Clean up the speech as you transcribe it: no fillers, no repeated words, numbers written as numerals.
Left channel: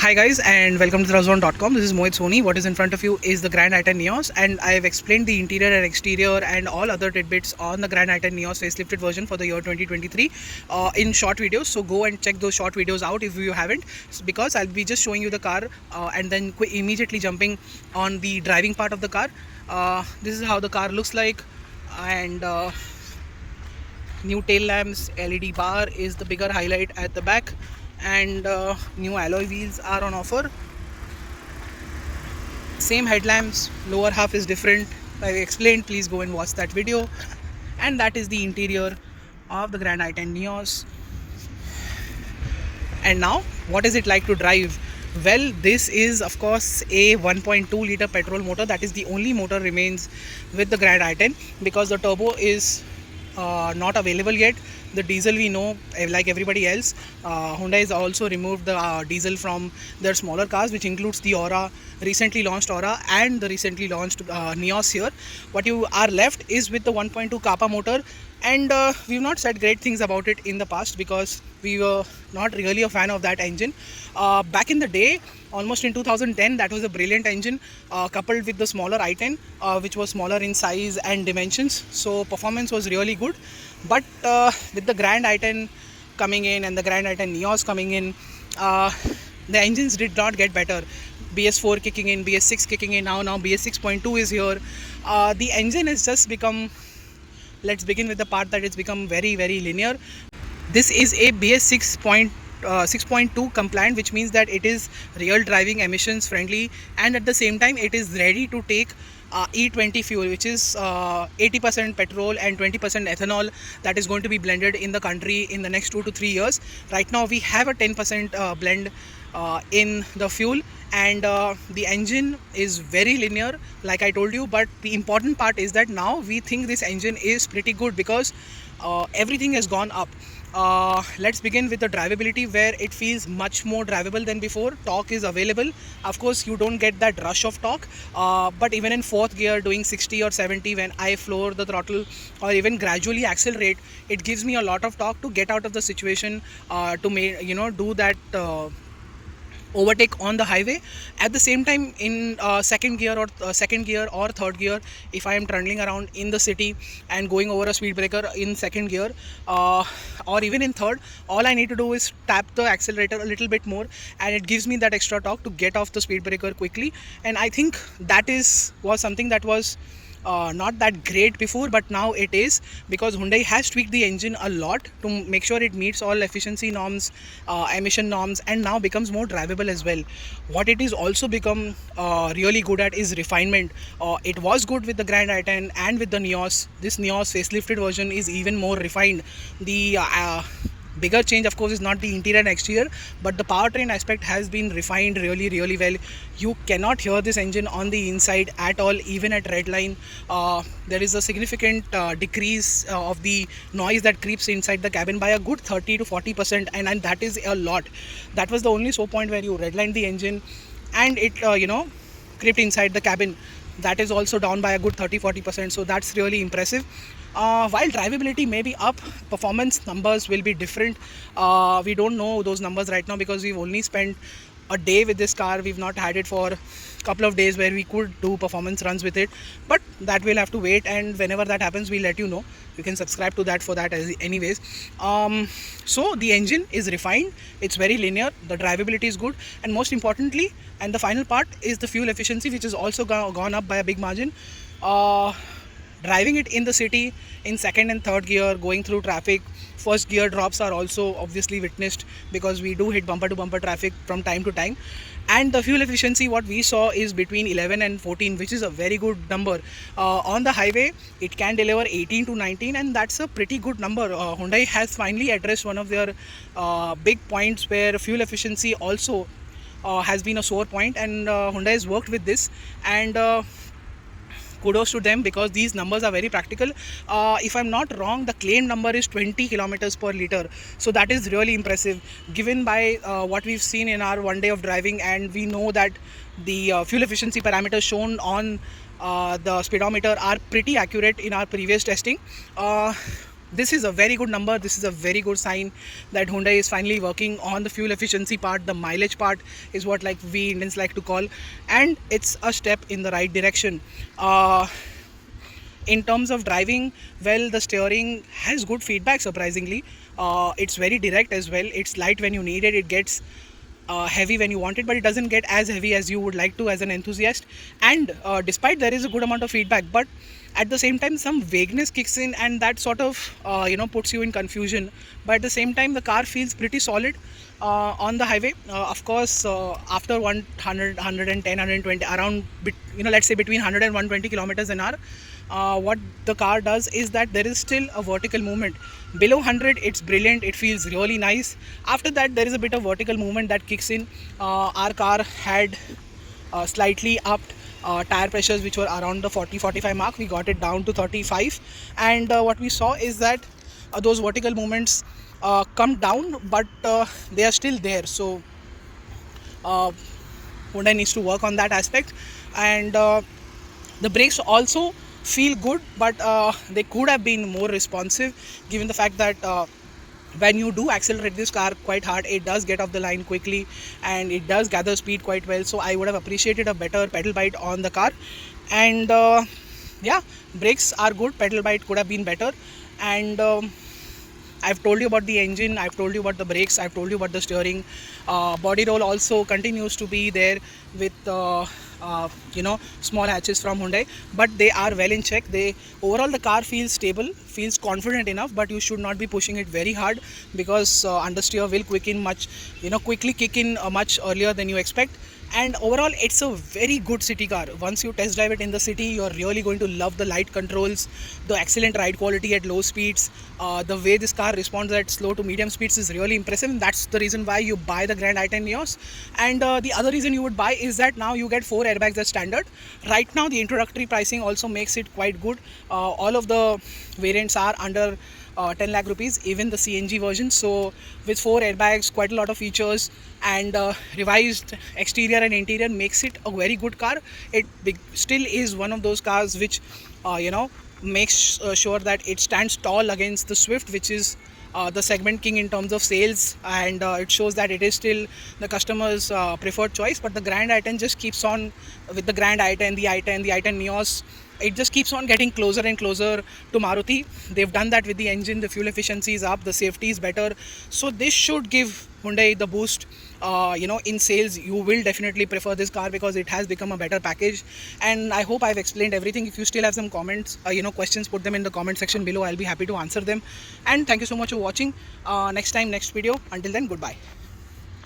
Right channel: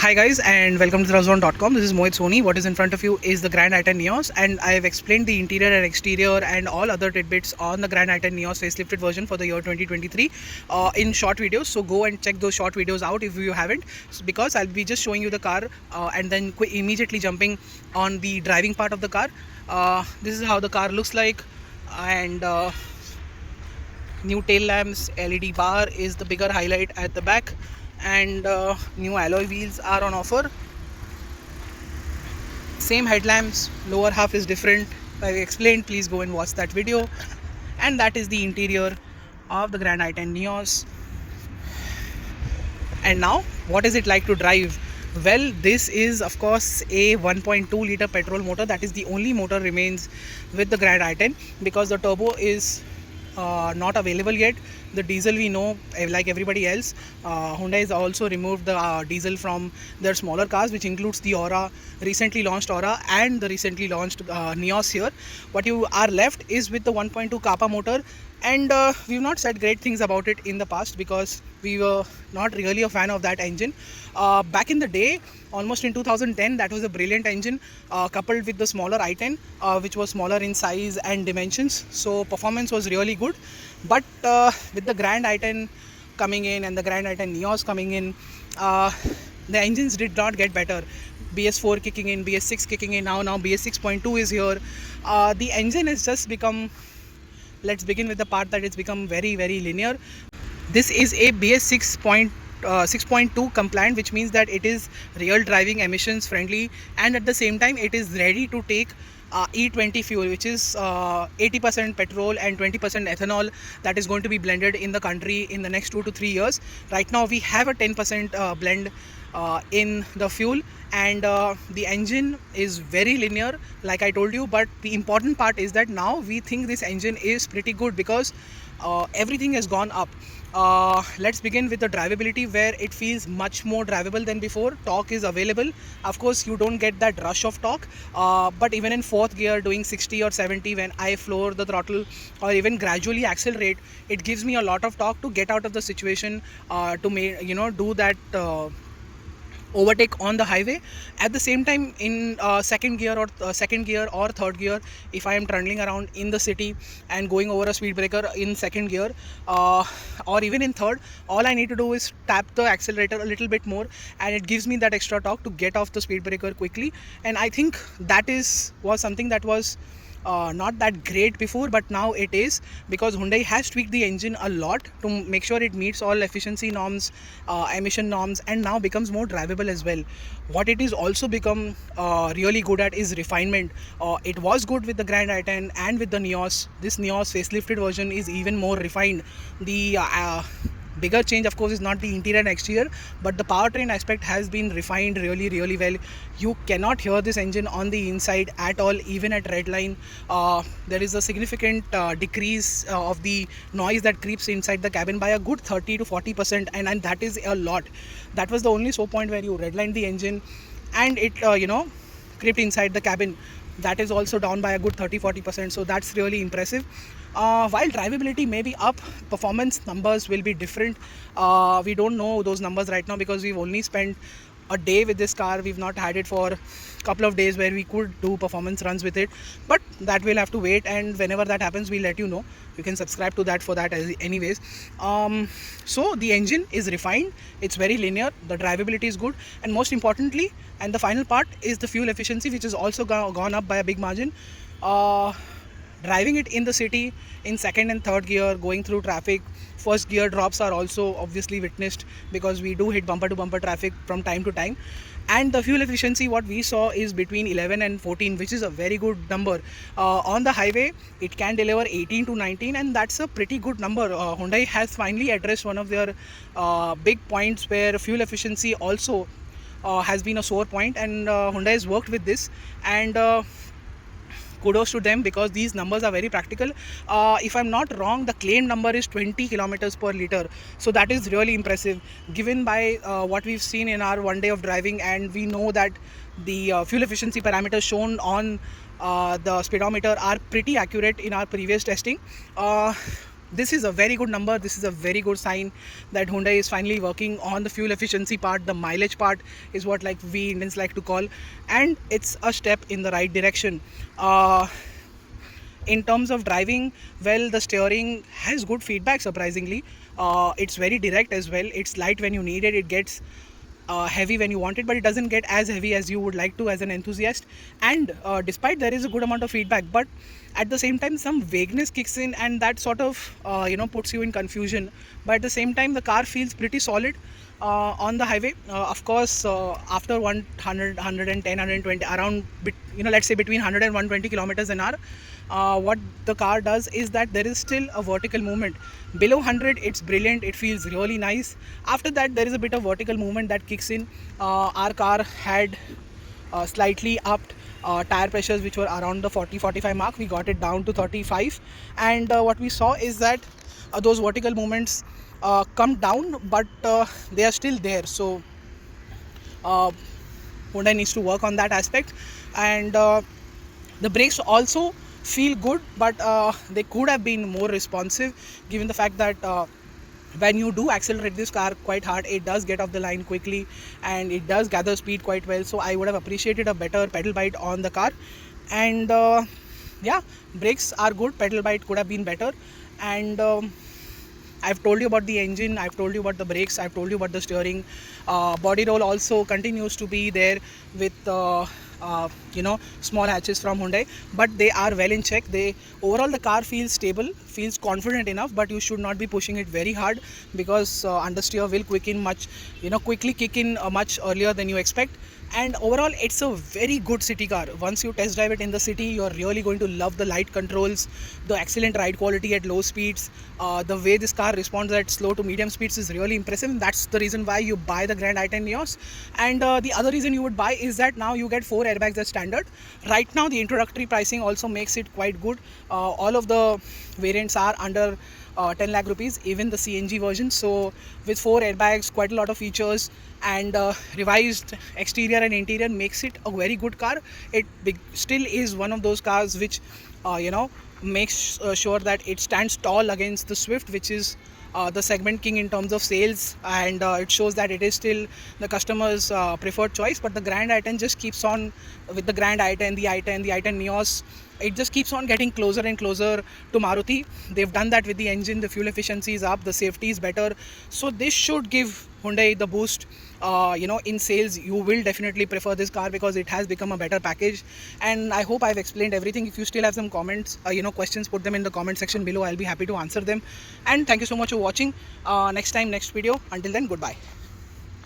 Hi guys and welcome to therazone.com. This is Mohit Soni. What is in front of you is the Grand i10 Nios, and I have explained the interior and exterior and all other tidbits on the Grand i10 Nios facelifted version for the year 2023 in short videos. So go and check those short videos out if you haven't, because I'll be just showing you the car and then immediately jumping on the driving part of the car. This is how the car looks like, and new tail lamps, LED bar is the bigger highlight at the back, and new alloy wheels are on offer. Same headlamps, lower half is different, like I explained. Please go and watch that video. And that is the interior of the Grand i10 Nios. And now, what is it like to drive? Well, this is of course a 1.2 liter petrol motor. That is the only motor remains with the Grand i10, because the turbo is not available yet. The diesel, we know, like everybody else, Hyundai has also removed the diesel from their smaller cars, which includes the Aura, recently launched Aura, and the recently launched Nios here. What you are left is with the 1.2 Kappa motor, and we've not said great things about it in the past because we were not really a fan of that engine. Back in the day, almost in 2010, that was a brilliant engine, coupled with the smaller i10, which was smaller in size and dimensions, so performance was really good. But with the Grand i10 coming in and the Grand i10 Nios coming in, the engines did not get better. BS4 kicking in, BS6 kicking in, now BS 6.2 is here. The engine has just become, let's begin with the part that it's become very linear. This is a BS 6.2 compliant, which means that it is real driving emissions friendly, and at the same time it is ready to take E20 fuel, which is 80% petrol and 20% ethanol, that is going to be blended in the country in the next 2 to 3 years. Right now we have a 10% blend in the fuel, and the engine is very linear, like I told you. But the important part is that now we think this engine is pretty good because everything has gone up. Let's begin with the drivability, where it feels much more drivable than before. Torque is available. Of course, you don't get that rush of torque, but even in fourth gear, doing 60 or 70, when I floor the throttle or even gradually accelerate, it gives me a lot of torque to get out of the situation, to do that overtake on the highway. At the same time, in second gear or third gear, if I am trundling around in the city and going over a speed breaker in second gear, or even in third, all I need to do is tap the accelerator a little bit more, and it gives me that extra torque to get off the speed breaker quickly. And I think that was something that was not that great before, but now it is, because Hyundai has tweaked the engine a lot to make sure it meets all efficiency norms, emission norms, and now becomes more drivable as well. What it is also become really good at is refinement. It was good with the Grand i10 and with the Nios. This Nios facelifted version is even more refined. The bigger change, of course, is not the interior and exterior, but the powertrain aspect has been refined really well. You cannot hear this engine on the inside at all, even at red line. There is a significant decrease of the noise that creeps inside the cabin by a good 30 to 40%, and that is a lot. That was the only so point where you redlined the engine and it crept inside the cabin. That is also down by a good 30-40%, so that's really impressive. While drivability may be up, performance numbers will be different. We don't know those numbers right now because we've only spent a day with this car. We've not had it for a couple of days where we could do performance runs with it, but that we'll have to wait, and whenever that happens, we'll let you know. You can subscribe to that for that anyways. So the engine is refined, it's very linear, the drivability is good, and most importantly, and the final part, is the fuel efficiency, which is also gone up by a big margin. Driving it in the city in second and third gear, going through traffic, first gear drops are also obviously witnessed, because we do hit bumper to bumper traffic from time to time. And the fuel efficiency, what we saw, is between 11 and 14, which is a very good number. On the highway, it can deliver 18 to 19, and that's a pretty good number. Hyundai has finally addressed one of their big points, where fuel efficiency also has been a sore point, and Hyundai has worked with this, and kudos to them, because these numbers are very practical. If I'm not wrong, the claim number is 20 kilometers per liter, so that is really impressive given by what we've seen in our one day of driving. And we know that the fuel efficiency parameters shown on the speedometer are pretty accurate in our previous testing. this is a very good number. This is a very good sign that Hyundai is finally working on the fuel efficiency part. The mileage part is what like we Indians like to call, and it's a step in the right direction. In terms of driving, well, the steering has good feedback, surprisingly. It's very direct as well. It's light when you need it. It gets heavy when you want it, but it doesn't get as heavy as you would like to as an enthusiast. And despite there is a good amount of feedback, but at the same time some vagueness kicks in, and that sort of puts you in confusion. But at the same time the car feels pretty solid on the highway. Of course, after 100, 110, 120, around let's say between 100 and 120 kilometers an hour, what the car does is that there is still a vertical movement. Below 100 it's brilliant, it feels really nice. After that there is a bit of vertical movement that kicks in. Our car had slightly upped tire pressures which were around the 40-45 mark. We got it down to 35, and what we saw is that those vertical movements come down, but they are still there. So Hyundai needs to work on that aspect. And the brakes also feel good, but they could have been more responsive, given the fact that when you do accelerate this car quite hard, it does get off the line quickly and it does gather speed quite well. So I would have appreciated a better pedal bite on the car. And yeah, brakes are good, pedal bite could have been better. And I've told you about the engine, I've told you about the brakes, I've told you about the steering. Body roll also continues to be there with small hatches from Hyundai, but they are well in check. Overall the car feels stable, feels confident enough, but you should not be pushing it very hard, because understeer will quickly kick in much earlier than you expect. And overall it's a very good city car. Once you test drive it in the city, you're really going to love the light controls, the excellent ride quality at low speeds. The way this car responds at slow to medium speeds is really impressive, and that's the reason why you buy the Grand i10 Nios. And the other reason you would buy is that now you get 4 airbags as standard. Right now the introductory pricing also makes it quite good. All of the variants are under 10 lakh rupees, even the CNG version. So with 4 airbags, quite a lot of features, and revised exterior and interior makes it a very good car. It still is one of those cars which makes sure that it stands tall against the Swift, which is the segment king in terms of sales, and it shows that it is still the customer's preferred choice. But the Grand i10 just keeps on, with the Grand i10, the i10 Nios, it just keeps on getting closer and closer to Maruti. They've done that with the engine, the fuel efficiency is up, the safety is better. So this should give Hyundai the boost. In sales, you will definitely prefer this car because it has become a better package. And I hope I've explained everything. If you still have some comments, questions, put them in the comment section below. I'll be happy to answer them. And thank you so much for watching. Next time, next video. Until then, goodbye.